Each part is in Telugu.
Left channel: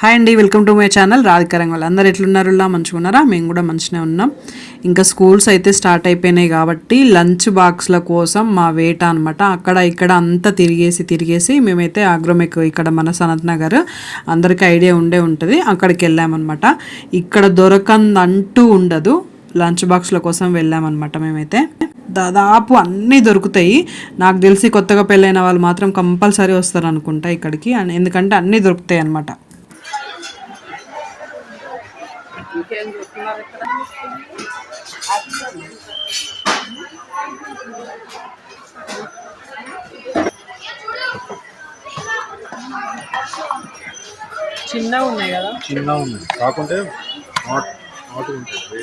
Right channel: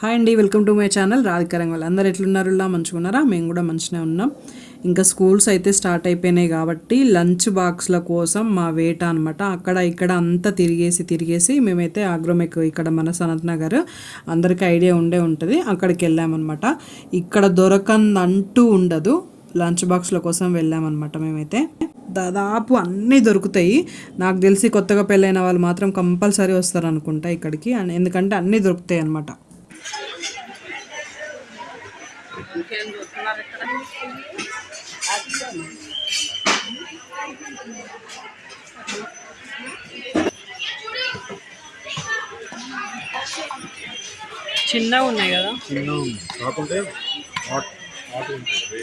హాయ్ అండి welcome to my channel. Radhika వాళ్ళు అందరు ఎట్లున్నారు? ఇలా మేము కూడా మంచిగా ఉన్నాం. ఇంకా స్కూల్స్ అయితే స్టార్ట్ అయిపోయినాయి కాబట్టి లంచ్ బాక్స్ల కోసం మా వేట అనమాట అక్కడ ఇక్కడ అంతా తిరిగేసి తిరిగేసి మేమైతే ఆగ్రోమెక్ ఇక్కడ మన సనత్ నగర్ అందరికీ ఐడియా ఉండే ఉంటుంది. అక్కడికి వెళ్ళామన్నమాట. ఇక్కడ దొరకందంటూ ఉండదు. లంచ్ బాక్స్ల కోసం వెళ్ళామన్నమాట మేమైతే. దాదాపు అన్నీ దొరుకుతాయి. నాకు తెలిసి కొత్తగా పెళ్ళైన వాళ్ళు మాత్రం కంపల్సరీ వస్తారు అనుకుంటా ఇక్కడికి. ఎందుకంటే అన్నీ దొరుకుతాయి అనమాట ఏమి చూస్తున్నారు ఇక్కడ? చిన్నగా ఉన్నాయి కదా? చిన్న ఉంది కాకుంటే హాట్ ఉంటుంది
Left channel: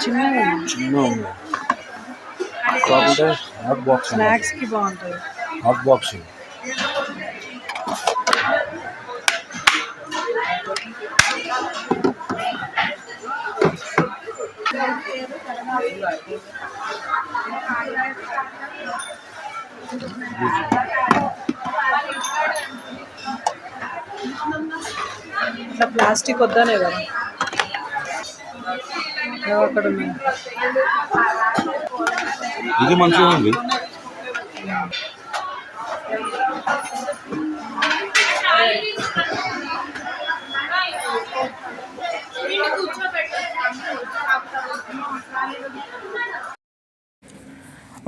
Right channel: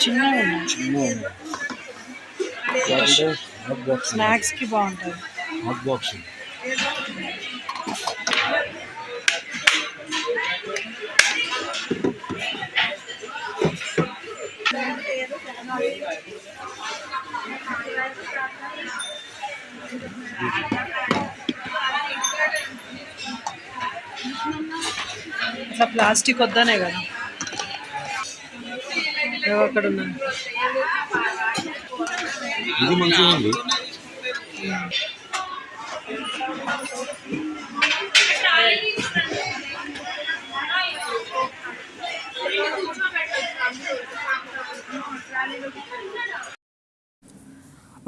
చిన్న హాట్ బాక్స్ అన్నమాట. స్నాక్స్కి బాగుంటుంది హాట్ బాక్స్ అట్లా ప్లాస్టిక్ వద్దనే కదా. అక్కడ ఇది మంచిగా ఉంది.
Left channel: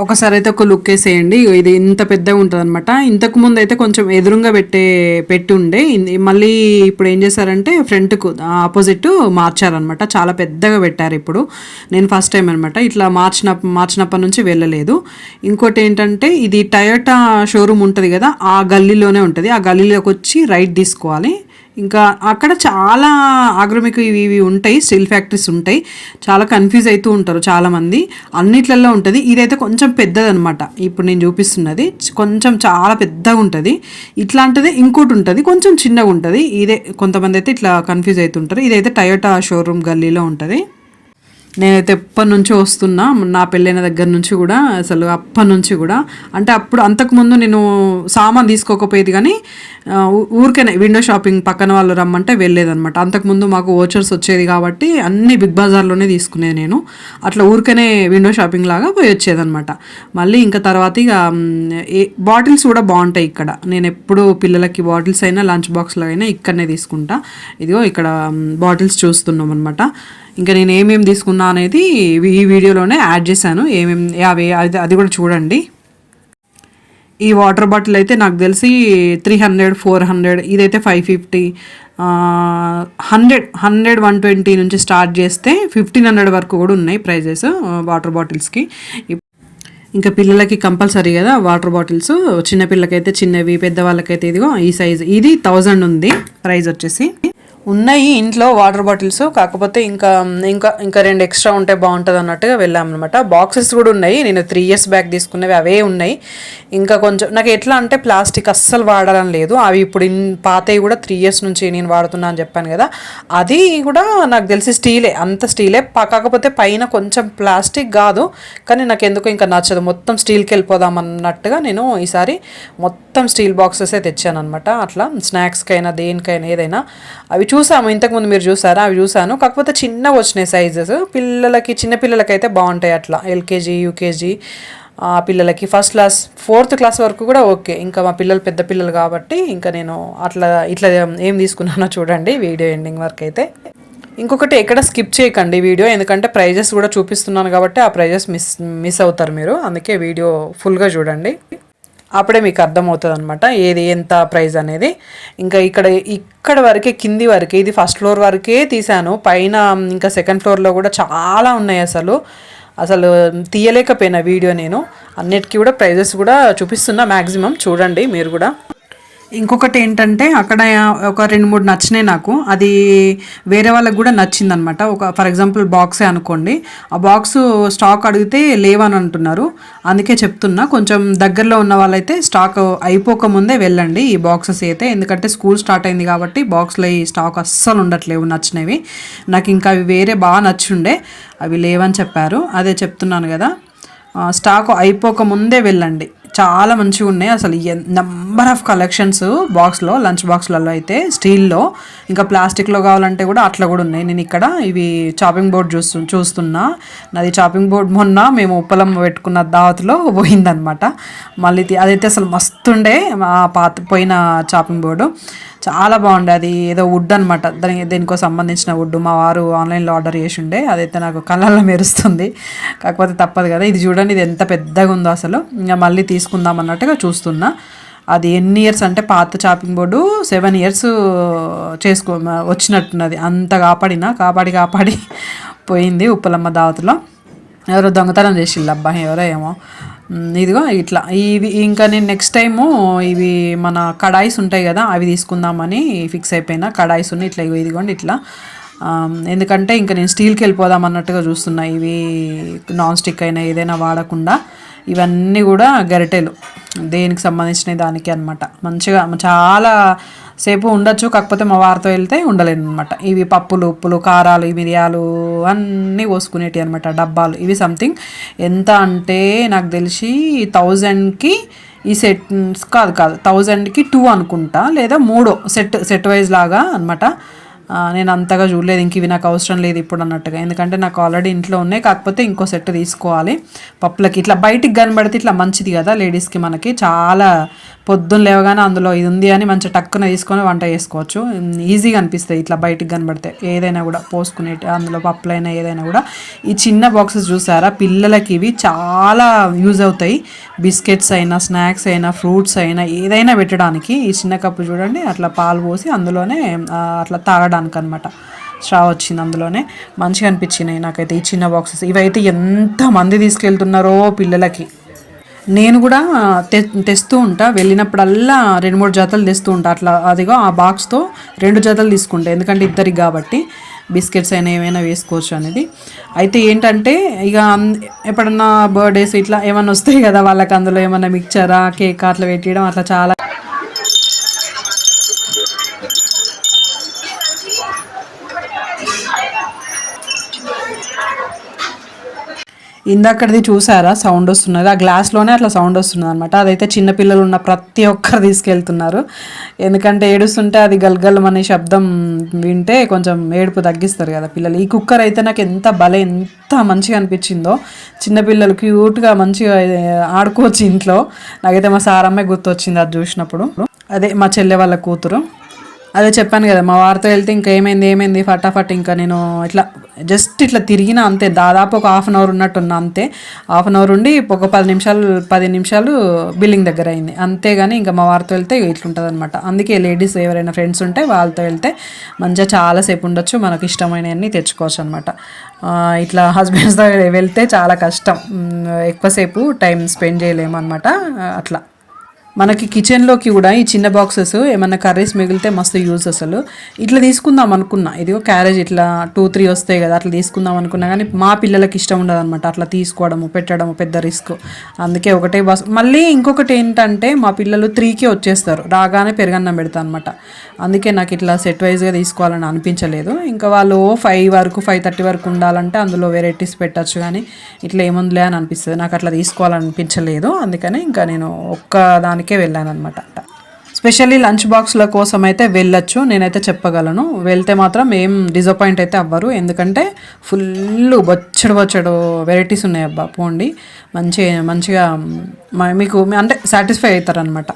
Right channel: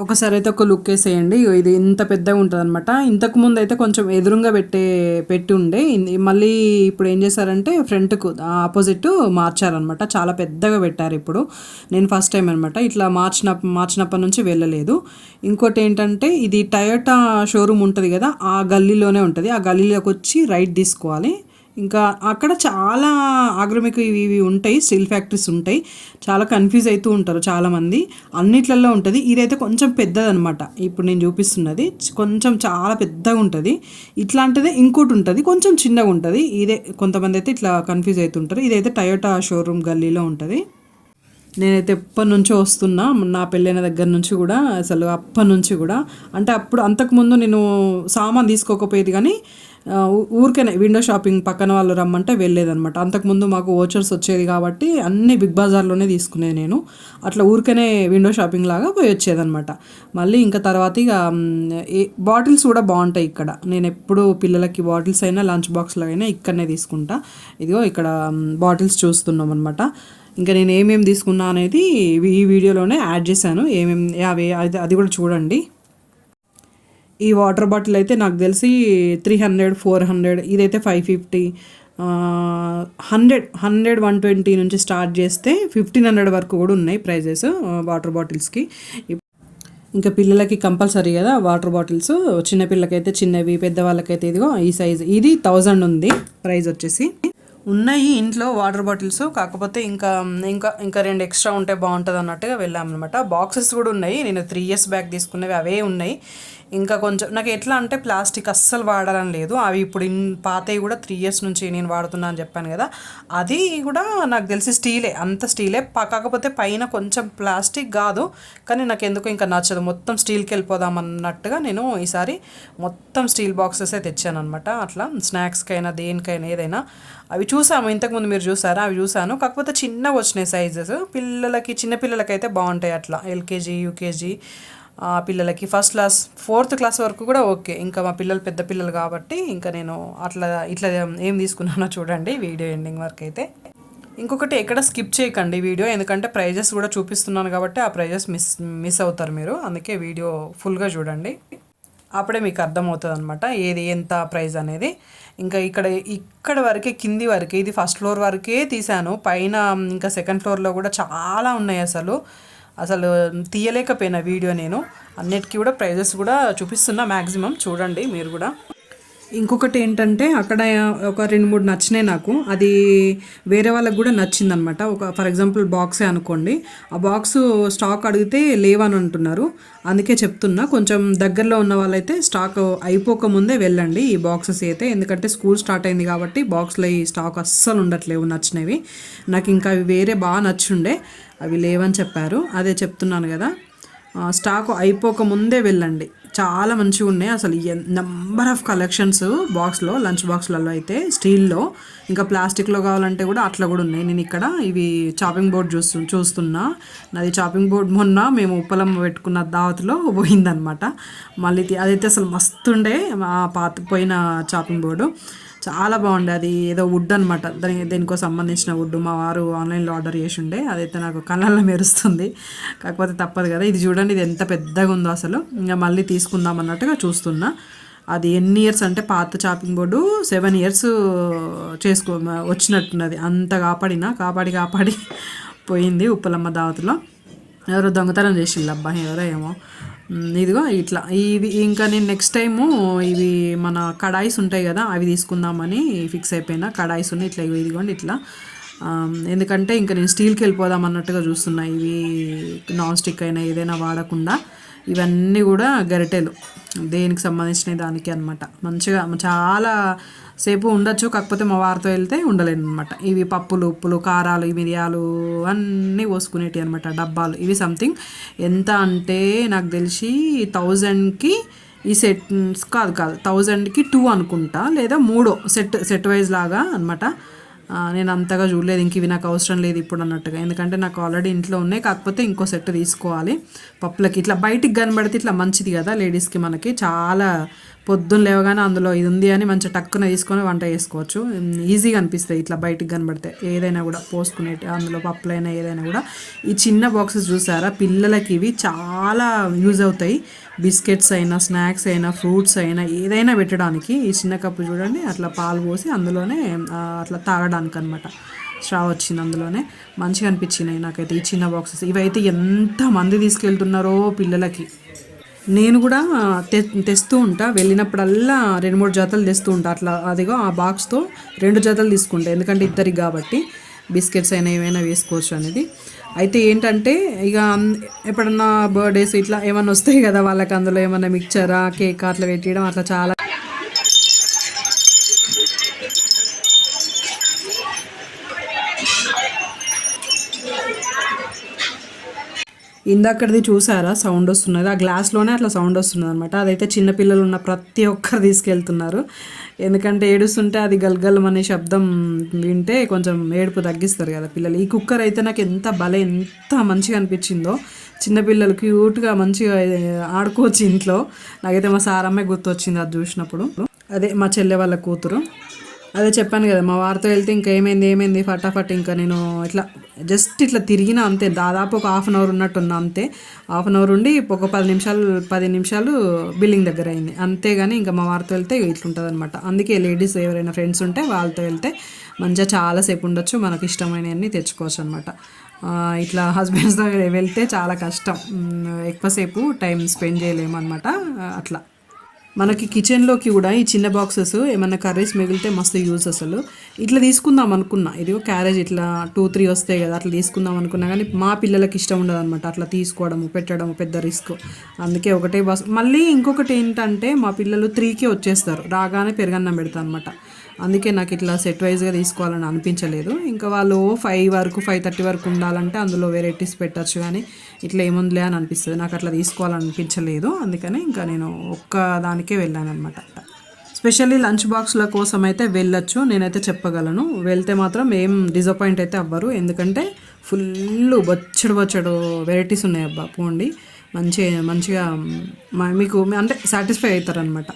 ఒకసారి అయితే ఒక లుక్ వేసేయండి. ఇది ఇంత పెద్దగా ఉంటుంది అనమాట ఇంతకు ముందు అయితే కొంచెం ఎదురుగా పెట్టే పెట్టి ఉండే మళ్ళీ ఇప్పుడు ఏం చేశారంటే ఫ్రంట్కు ఆపోజిట్ మార్చారనమాట చాలా పెద్దగా పెట్టారు ఇప్పుడు. నేను ఫస్ట్ టైం అనమాట ఇట్లా మార్చిన మార్చినప్పటి నుంచి వెళ్ళలేదు. ఇంకోటి ఏంటంటే ఇది టయోటా షోరూమ్ ఉంటుంది కదా ఆ గల్లీలోనే ఉంటుంది. ఆ గల్లీలోకి వచ్చి రైట్ తీసుకోవాలి. ఇంకా అక్కడ చాలా ఆగ్రమిక ఇవి ఇవి ఉంటాయి స్టీల్ ఫ్యాక్టరీస్ ఉంటాయి. చాలా కన్ఫ్యూజ్ అవుతూ ఉంటారు చాలామంది. అన్నిట్లలో ఉంటుంది. ఇదైతే కొంచెం పెద్దదనమాట ఇప్పుడు నేను చూపిస్తున్నది. కొంచెం చాలా పెద్దగా ఉంటుంది. ఇట్లాంటిది ఇంకోటి ఉంటుంది. కొంచెం చిన్నగా ఉంటుంది. ఇదే కొంతమంది అయితే ఇట్లా కన్ఫ్యూజ్ అవుతుంటారు ఇదైతే టయోటా షోరూమ్ గల్లీలో ఉంటుంది. నేనైతే ఎప్పటి నుంచి వస్తున్నా నా పెళ్ళైన దగ్గర నుంచి కూడా అసలు అప్పటి నుంచి కూడా. అంటే అప్పుడు అంతకుముందు నేను సామాన్ తీసుకోకపోయేది కానీ ఊరికనే విండో షాపింగ్ పక్కన వాళ్ళు రమ్మంటే వెళ్ళేదన్నమాట. అంతకుముందు మాకు ఓచర్స్ వచ్చేది కాబట్టి అన్ని బిగ్ బజార్లోనే తీసుకునేది నేను. అట్లా ఊరికనే విండో షాపింగ్ లాగా పోయి వచ్చేదనమాట మళ్ళీ ఇంకా తర్వాత ఇక బాటిల్స్ కూడా బాగుంటాయి ఇక్కడ. నేను ఎప్పుడు పిల్లలకి బాటిల్స్ అయినా లంచ్ బాక్స్లో అయినా ఇక్కడనే తీసుకుంటా. ఇదిగో ఇక్కడ బాటిల్స్ చూస్తున్నాం అనమాట ఇంకా నేను ఏమేమి తీసుకున్నా అనేది ఈ వీడియోలోనే యాడ్ చేశాను. ఏమేమి అవి అది అది కూడా చూడండి. ఈ వాటర్ బాటిల్ అయితే నాకు తెలిసి త్రీ హండ్రెడ్ ఫోర్ హండ్రెడ్ ఇదైతే five fifty hundred hundred one twenty నుంచి స్టార్ట్ చేస్తే ఫిఫ్టీన్ హండ్రెడ్ వరకు కూడా ఉన్నాయి ప్రైజెస్ వాటర్ బాటిల్స్కి. ఇంకా పిల్లలకి కంపల్సరీ కదా వాటర్ బాటిల్స్. చిన్న పిల్లకైతే చిన్నవి పెద్దవాళ్ళకైతే ఇదిగో ఈ సైజ్. ఇది థౌజండ్ ఉంది ప్రైస్ వచ్చేసి. ఉన్నాయి ఇంట్లో వాటర్ బాటిల్స్ కాకపోతే ఇంకా ఇంకా ఇంకా రెండు ఎక్స్ట్రా ఉంటే బాగుంటుంది అన్నట్టుగా వెళ్ళామన్నమాట. బాక్సెస్ కూడా ఉన్నాయి. నేను త్రీ ఇయర్స్ బ్యాక్ తీసుకున్నవి అవే ఉన్నాయి. ఇంకా కొంచెం నాకు ఎట్లా అంటే ప్లాస్టిక్ అస్సలు వాడాలని లేదు. అవి ఇప్పుడు ఇన్ పాతవి కూడా త్రీ ఇయర్స్ నుంచి నేను వాడుతున్నా అని చెప్పాను కదా. అది కూడా నాకు తెలిసి స్టీలే అంత స్టీలే కాకపోతే పైన కొంచెం ప్లాస్టిక్ కాదు కానీ నాకు ఎందుకో ఇంకా నచ్చదు. మొత్తం స్టీల్కి వెళ్ళిపోదాం అన్నట్టుగా నేను ఈసారి మొత్తం స్టీల్ బాక్సెసే తెచ్చాను అనమాట అట్లా స్నాక్స్కైనా దేనికైనా ఏదైనా. అవి చూసాము ఇంతకుముందు మీరు చూసారా? అవి చూసాను. కాకపోతే చిన్నగా వచ్చినాయి సైజెస్ పిల్లలకి చిన్న పిల్లలకి అయితే బాగుంటాయి అట్లా. ఎల్కేజీ యూకేజీ ఆ పిల్లలకి ఫస్ట్ క్లాస్ ఫోర్త్ క్లాస్ వరకు కూడా ఓకే. ఇంకా మా పిల్లలు పెద్ద పిల్లలు కాబట్టి ఇంకా నేను అట్లా ఇట్లా ఏం తీసుకున్నానో చూడండి వీడియో ఎండింగ్ వరకు అయితే. ఇంకొకటి ఎక్కడ స్కిప్ చేయకండి వీడియో. ఎందుకంటే ప్రైజెస్ కూడా చూపిస్తున్నాను కాబట్టి ఆ ప్రైజెస్ మిస్ మిస్ అవుతారు మీరు. అందుకే వీడియో ఫుల్గా చూడండి. అప్పుడే మీకు అర్థమవుతుంది అనమాట ఏది ఎంత ప్రైస్ అనేది. ఇంకా ఇక్కడ ఇక్కడ వరకే కింది వరకే ఇది ఫస్ట్ ఫ్లోర్ వరకే తీశాను. పైన ఇంకా సెకండ్ ఫ్లోర్లో కూడా చాలా ఉన్నాయి అసలు. అసలు తీయలేకపోయినా వీడియో నేను. అన్నిటికీ కూడా ప్రైజెస్ కూడా చూపిస్తున్నా మ్యాక్సిమం చూడండి మీరు కూడా. ఇంకొకటి ఏంటంటే అక్కడ ఒక రెండు మూడు నచ్చినాయి నాకు. అది వేరే వాళ్ళకి కూడా నచ్చిందనమాట. ఒక ఫర్ ఎగ్జాంపుల్ బాక్సే అనుకోండి. ఆ బాక్స్ స్టాక్ అడిగితే లేవని అంటున్నారు. అందుకే చెప్తున్నా. కొంచెం దగ్గరలో ఉన్న వాళ్ళైతే స్టాక్ అయిపోక ముందే వెళ్ళండి ఈ బాక్సెస్ అయితే. ఎందుకంటే స్కూల్ స్టార్ట్ అయింది కాబట్టి బాక్స్లో ఈ స్టాక్ అస్సలు ఉండట్లేవు నచ్చినవి. నాకు ఇంకా అవి వేరే బాగా నచ్చుండే అవి లేవని చెప్పారు. అదే చెప్తున్నాను కదా. స్టాక్ అయిపోక ముందే వెళ్ళండి. చాలా మంచిగా ఉన్నాయి. అసలు నెంబర్ ఆఫ్ కలెక్షన్స్ బాక్స్లో లంచ్ బాక్స్లలో అయితే స్టీల్లో ఇంకా ప్లాస్టిక్లో కావాలంటే కూడా అట్లా కూడా ఉన్నాయి. నేను ఇక్కడ ఇవి చాపింగ్ బోర్డ్ చూస్తు చూస్తున్నా. నాది చాపింగ్ బోర్డ్ మొన్న మేము ఉప్పలం పెట్టుకున్న దావత్లో పోయిందనమాట మళ్ళీ అదైతే అసలు మస్తుండే మా పాత పోయిన చాపింగ్ బోర్డు చాలా బాగుండే. అది ఏదో వుడ్ అనమాట దాని దేనికో సంబంధించిన వుడ్ మా వారు ఆన్లైన్లో ఆర్డర్ చేసి ఉండే. అదైతే నాకు కళ్ళల్లో మెరుస్తుంది. కాకపోతే తప్పదు కదా. ఇది చూడండి ఇది ఎంత పెద్దగా ఉందో అసలు. ఇంకా మళ్ళీ తీసుకుందాం అన్నట్టుగా చూస్తున్నా. అది ఎన్ని ఇయర్స్ అంటే పాత చాపింగ్ బోర్డు సెవెన్ ఇయర్స్ చేసుకో వచ్చినట్టున్నది. అంత కాపాడినా కాపాడి కాపాడి పోయింది ఉప్పలమ్మ దావతిలో. ఎవరో దొంగతనం చేసిల్లు అబ్బా ఎవరో ఏమో. ఇదిగో ఇట్లా. ఇవి ఇంకా నేను నెక్స్ట్ టైము ఇవి మన కడాయిస్ ఉంటాయి కదా అవి తీసుకుందామని ఫిక్స్ అయిపోయినా. కడాయిస్ ఉన్నాయి ఇట్లా ఇగో ఇదిగోండి ఇట్లా. ఎందుకంటే ఇంకా నేను స్టీల్కి వెళ్ళిపోదాం అన్నట్టుగా చూస్తున్నా. ఇవి నాన్ స్టిక్ అయినా ఏదైనా వాడకుండా. ఇవన్నీ కూడా గరిటెలు. దేనికి సంబంధించిన దానికి అన్నమాట. మంచిగా చాలా సేపు ఉండొచ్చు కాకపోతే మా వారితో వెళ్తే ఉండలేను అనమాట ఇవి పప్పులు ఉప్పులు కారాలు మిరియాలు అన్నీ పోసుకునేటివి అనమాట డబ్బాలు. ఇవి సంథింగ్ ఎంత అంటే నాకు తెలిసి థౌజండ్కి ఈ సెట్ కాదు కాదు థౌజండ్కి టూ అనుకుంటా లేదా మూడో సెట్ సెట్ వైజ్ లాగా అనమాట నేను అంతగా చూడలేదు ఇంక ఇవి నాకు అవసరం లేదు ఇప్పుడు అన్నట్టుగా. ఎందుకంటే నాకు ఆల్రెడీ ఇంట్లో ఉన్నాయి కాకపోతే ఇంకో సెట్ తీసుకోవాలి పప్పులకి. ఇట్లా బయటికి కనబడితే ఇట్లా మంచిది కదా లేడీస్కి మనకి. చాలా పొద్దున్న లేవగానే అందులో ఇది ఉంది అని మంచిగా టక్కున తీసుకొని వంట చేసుకోవచ్చు. ఈజీగా అనిపిస్తాయి ఇట్లా బయటికి కనబడితే. ఏదైనా కూడా పోసుకునే అందులో పప్పులైనా ఏదైనా కూడా. ఈ చిన్న బాక్సెస్ చూసారా? పిల్లలకి ఇవి చాలా యూజ్ అవుతాయి. బిస్కెట్స్ అయినా స్నాక్స్ అయినా ఫ్రూట్స్ అయినా ఏదైనా పెట్టడానికి. ఈ చిన్న కప్పు చూడండి అట్లా పాలు పోసి అందులోనే అట్లా తాగడానికి అనమాట స్ట్రా వచ్చింది అందులోనే. మంచిగా అనిపించినాయి నాకైతే ఈ చిన్న బాక్సెస్. ఇవైతే ఎంతమంది తీసుకెళ్తున్నారో పిల్లలకి. నేను కూడా తె తెస్తూ ఉంటా. వెళ్ళినప్పుడల్లా రెండు మూడు జతలు తెస్తూ ఉంటా. అట్లా అదిగో ఆ బాక్స్తో రెండు జతలు తీసుకుంటా. ఎందుకంటే ఇద్దరికి కాబట్టి బిస్కెట్స్ అయినా ఏమైనా వేసుకోవచ్చు అనేది. అయితే ఏంటంటే ఇక ఎప్పుడన్నా బర్త్డేస్ ఇట్లా ఏమైనా వస్తాయి కదా వాళ్ళకి అందులో ఏమైనా మిక్చరా కేక్ అట్లా పెట్టడం అట్లా చాలా ఇందాకటిది చూసారా? సౌండ్ వస్తున్నది. ఆ గ్లాస్లోనే అట్లా సౌండ్ వస్తున్నది అనమాట అదైతే చిన్నపిల్లలు ఉన్న ప్రతి ఒక్కరు తీసుకెళ్తున్నారు. ఎందుకంటే ఏడుస్తుంటే అది గల్గల్ అనే శబ్దం వింటే కొంచెం ఏడుపు తగ్గిస్తారు కదా పిల్లలు. ఈ కుక్కర్ అయితే నాకు ఎంత భలే ఎంత మంచిగా అనిపించిందో. చిన్నపిల్లలు క్యూట్గా మంచిగా ఆడుకోవచ్చు ఇంట్లో. నాకైతే మా సారమ్మే గుర్తొచ్చింది అది చూసినప్పుడు. అదే మా చెల్లె వాళ్ళ కూతురు. అదే చెప్పాను కదా మా వారితో వెళ్తే ఇంకా ఏమైంది ఏమైంది ఫటాఫట్ ఇంకా నేను ఇట్లా జస్ట్ ఇట్లా తిరిగిన అంతే. దాదాపు ఒక హాఫ్ అన్ అవర్ ఉన్నట్టున్నా అంతే. హాఫ్ అన్ అవర్ ఉండి ఒక పది నిమిషాలు పది నిమిషాలు బిల్లింగ్ దగ్గర అయింది. అంతేగాని ఇంకా మా వారితో వెళ్తే ఇట్లుంటుంది అనమాట అందుకే లేడీస్ ఎవరైనా ఫ్రెండ్స్ ఉంటే వాళ్ళతో వెళ్తే మంచిగా చాలాసేపు ఉండొచ్చు. మనకు ఇష్టమైనవన్నీ తెచ్చుకోవచ్చు అనమాట ఇట్లా హస్బెండ్స్తో వెళ్తే చాలా కష్టం. ఎక్కువసేపు టైం స్పెండ్ చేయలేము అనమాట అట్లా. మనకి కిచెన్లోకి కూడా ఈ చిన్న బాక్సెస్ ఏమైనా కర్రీస్ మిగిలితే మస్తు యూజ్ అసలు. ఇట్లా తీసుకుందాం అనుకున్నా. ఇదిగో క్యారేజ్ ఇట్లా టూ త్రీ వస్తాయి కదా అట్లా తీసుకుందాం అనుకున్నా. కానీ మా పిల్లలకి ఇష్టం ఉండదు అనమాట అట్లా తీసుకోవడము పెట్టడము పెద్ద రిస్క్ అందుకే ఒకటే బాక్స్ మళ్ళీ ఇంకొకటి ఏంటంటే మా పిల్లలు త్రీకే వచ్చేస్తారు. రాగానే పెరగన్నం పెడతా అనమాట అందుకే నాకు ఇట్లా సెట్ వైజ్గా తీసుకోవాలని అనిపించలేదు. ఇంకా వాళ్ళు ఫైవ్ వరకు ఫైవ్ థర్టీ వరకు ఉండాలంటే అందులో వెరైటీస్ పెట్టచ్చు కానీ ఇట్లా ఏముందిలే అని అనిపిస్తుంది. నాకు అట్లా తీసుకోవాలనిపించలేదు. అందుకని ఇంకా నేను ఒక్క దానికే వెళ్ళాను అనమాట స్పెషల్లీ లంచ్ బాక్స్ల కోసం అయితే వెళ్ళొచ్చు. నేనైతే చెప్పగలను. వెళ్తే మాత్రం ఏం డిసప్పాయింట్ అయితే అవ్వరు. ఎందుకంటే ఫుల్ బొచ్చడు బొచ్చడు వెరైటీస్ ఉన్నాయి అబ్బా. పోండి. మంచి మంచిగా మ- మీకు అంటే సాటిస్ఫై అవుతారనమాట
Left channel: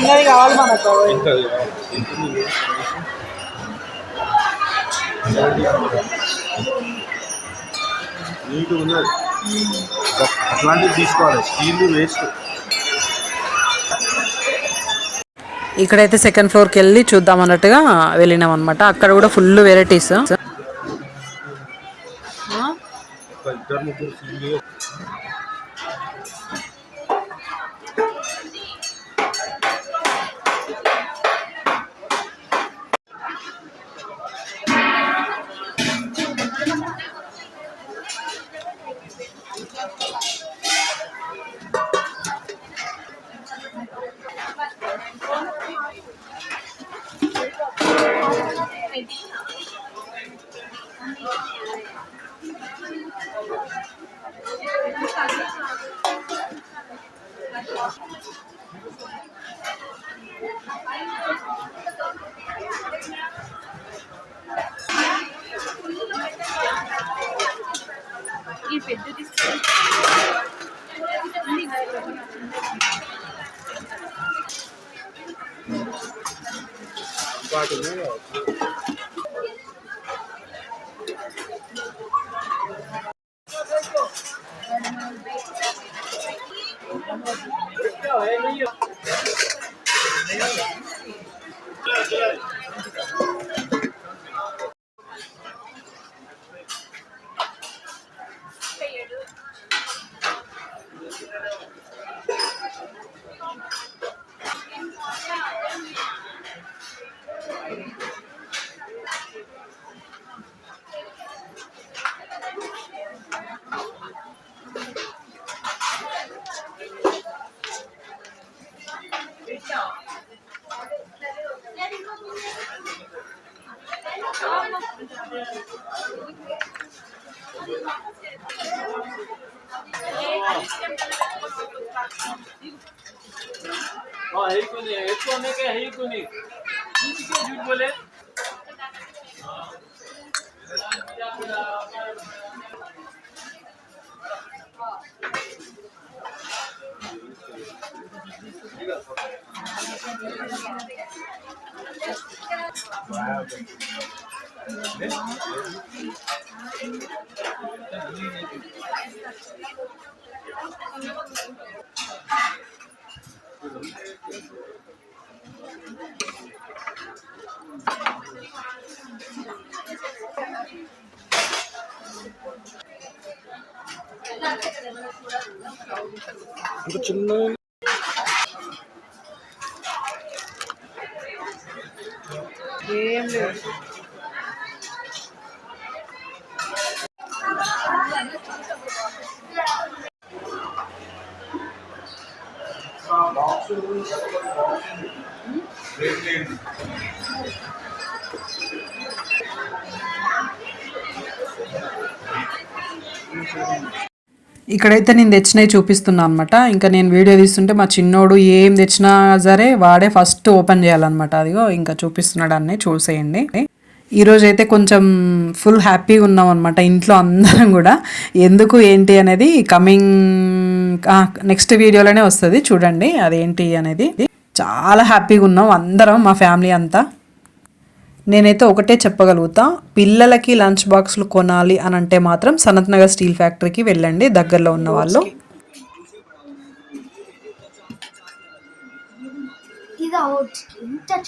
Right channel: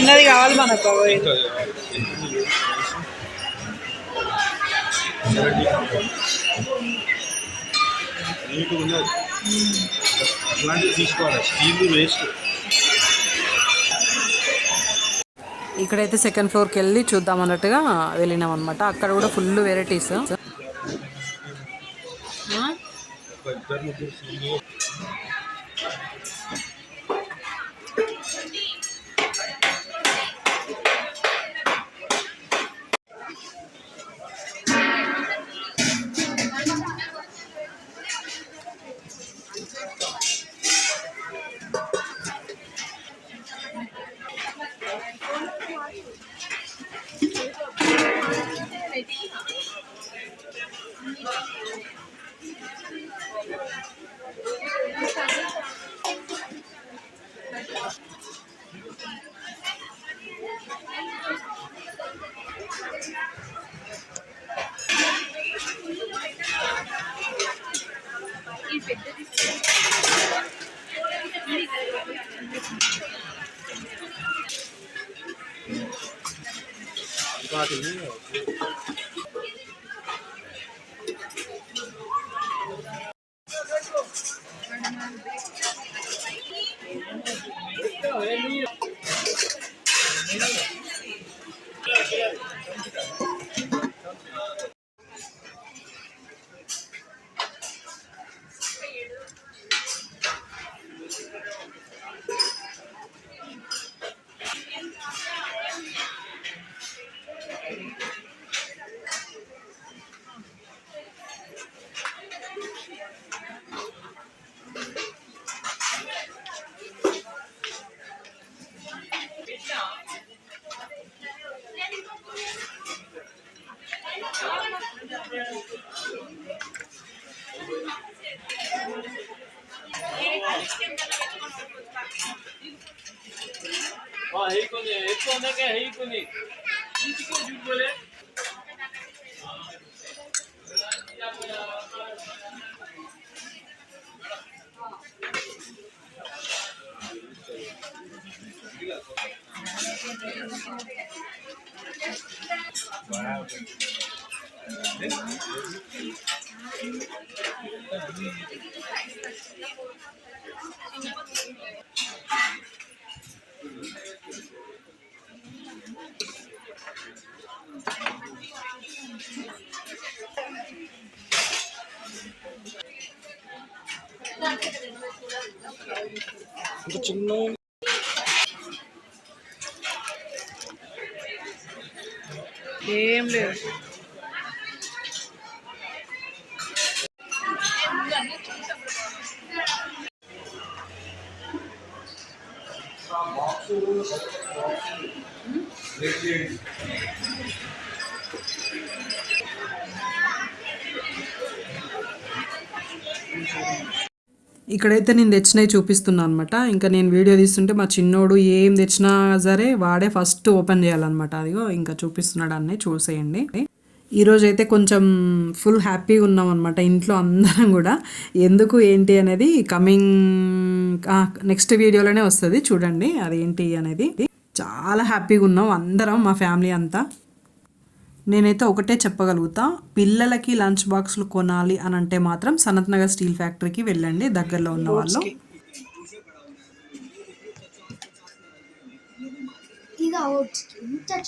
చిన్నది కావాలి మనకు. నీట్ ఉన్నది. అట్లాంటివి తీసుకోవాలి. Steel waste. ఇక్కడైతే సెకండ్ ఫ్లోర్కి వెళ్ళి చూద్దాం అన్నట్టుగా వెళ్ళినాం అనమాట అక్కడ కూడా ఫుల్ వెరైటీస్ ఇద్దరు ముగ్గురు करने का है ही को नहीं झूठ बोले Thank you. స్టీల్ ఇంత చిన్న ఏం లేదు ఇక్కడైతే నేను తెచ్చినవి చూపిస్తున్నా అనమాట ఇంకా నేను వీడియో తీస్తుంటే మా చిన్నోడు ఏం తెచ్చినా సరే వాడే ఫస్ట్ ఓపెన్ చేయాలన్నమాట. అదిగో ఇంకా చూపిస్తున్నాడు అన్నీ చూసేయండి. ఈరోజు అయితే కొంచెం ఫుల్ హ్యాపీగా ఉన్నాం అనమాట ఇంట్లో అందరం కూడా. ఎందుకు ఏంటి అనేది కమింగ్ నెక్స్ట్ వీడియోలోనే వస్తుంది చూడండి అదేంటి అనేది. చాలా హ్యాపీగా ఉన్నాం అందరం మా ఫ్యామిలీ అంతా. నేనైతే ఒకటే చెప్పగలుగుతా. పిల్లలకి లంచ్ బాక్స్లు కొనాలి అని అంటే మాత్రం సనత్ నగర్ స్టీల్ ఫ్యాక్టరీకి వెళ్ళండి దగ్గరలో ఉన్న వాళ్ళు.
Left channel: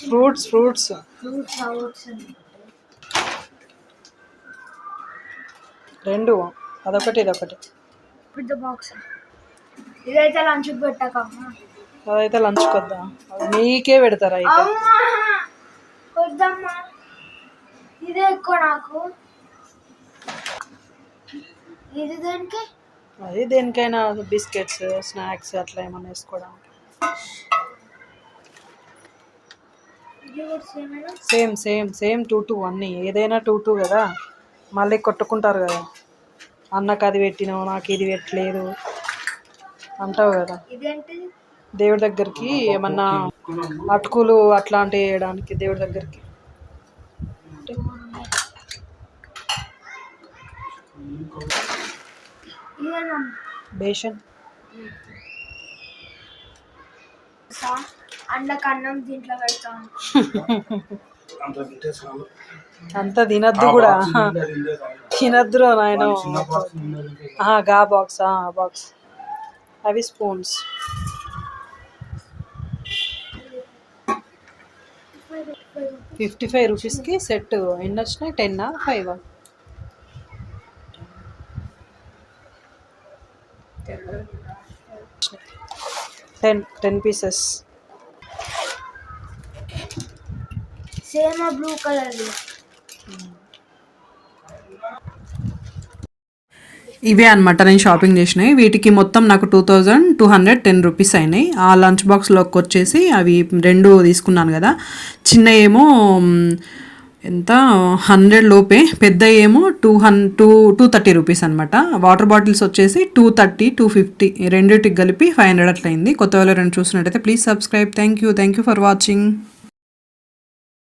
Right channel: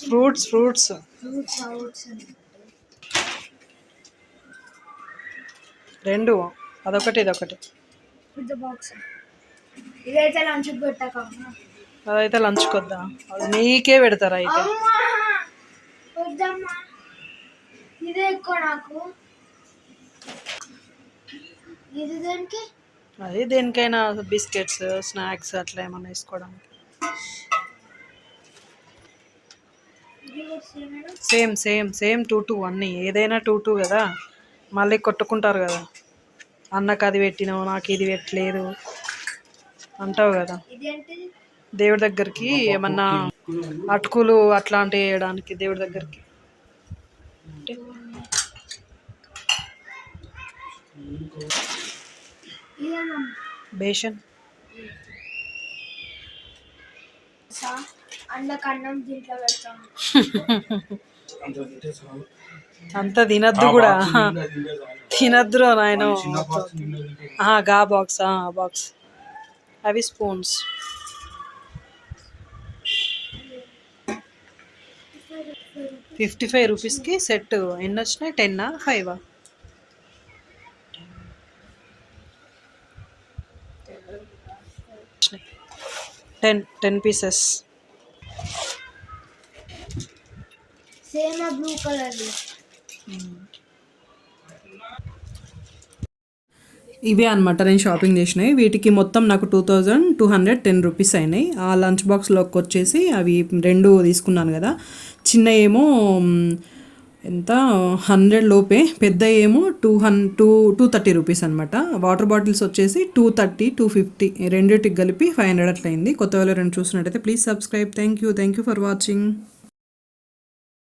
Fruits fruits. రెండు. అదొకటి ఇదొకటి. ఇదైతే లంచ్ పెట్టకమ్మా అదైతే లంచ్ కొద్దా అది నీకే పెడతారా ఇక అమ్మా! వద్దమ్మా. ఇదే ఎక్కువ నాకు. ఇది దేనికి? అది దేనికైనా బిస్కెట్స్ స్నాక్స్ అట్లా ఏమైనా వేసుకోవడం ఇది కూడా సేమేనా same same same two two అన్నీ. ఏదైనా టూ టూ కదా. మళ్ళీ కొట్టుకుంటారు కదా. అన్నకు అది పెట్టినావు నాకు ఇది పెట్టలేదు. అంటావు కదా. దేవుడి దగ్గరికి ఏమన్నా అటుకులు అట్లాంటివి వేయడానికి దేవుడి దగ్గరికి. బేషన్. సా అండ్లకు అన్నం దీంట్లో పెడతాను అంత తినద్దు కూడా. తినద్దురా నాయన. గా బాక్స్ బాక్స్ అవి స్పూన్స్. ఫిఫ్టీ ఫైవ్ రూపీస్కి సెట్ ఎన్ని వచ్చినాయి టెన్నా five ten ten pieces same blue colour ఇవే అనమాట నేను షాపింగ్ చేసినాయి వీటికి మొత్తం నాకు two thousand two hundred ten rupees అయినాయి. ఆ లంచ్ బాక్స్లోకి వచ్చేసి అవి రెండు తీసుకున్నాను కదా. చిన్న ఏమో ఎంత? హండ్రెడ్ లోపే. పెద్ద ఏమో టూ హన్ టూ టూ థర్టీ రూపీస్ అనమాట వాటర్ బాటిల్స్ వచ్చేసి టూ థర్టీ టూ ఫిఫ్టీ రెండింటికి కలిపి ఫైవ్ హండ్రెడ్ అట్లయింది. కొత్త వాళ్ళు రెండు చూసినట్టయితే please subscribe. Thank you. Thank you for watching.